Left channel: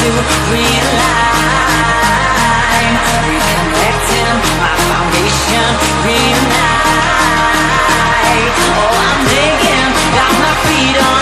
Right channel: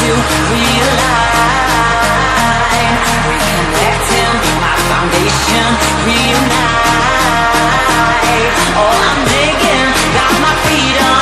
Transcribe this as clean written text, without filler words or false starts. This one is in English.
to realign, reconnecting my foundation, reunite. Oh, I'm digging, got my feet on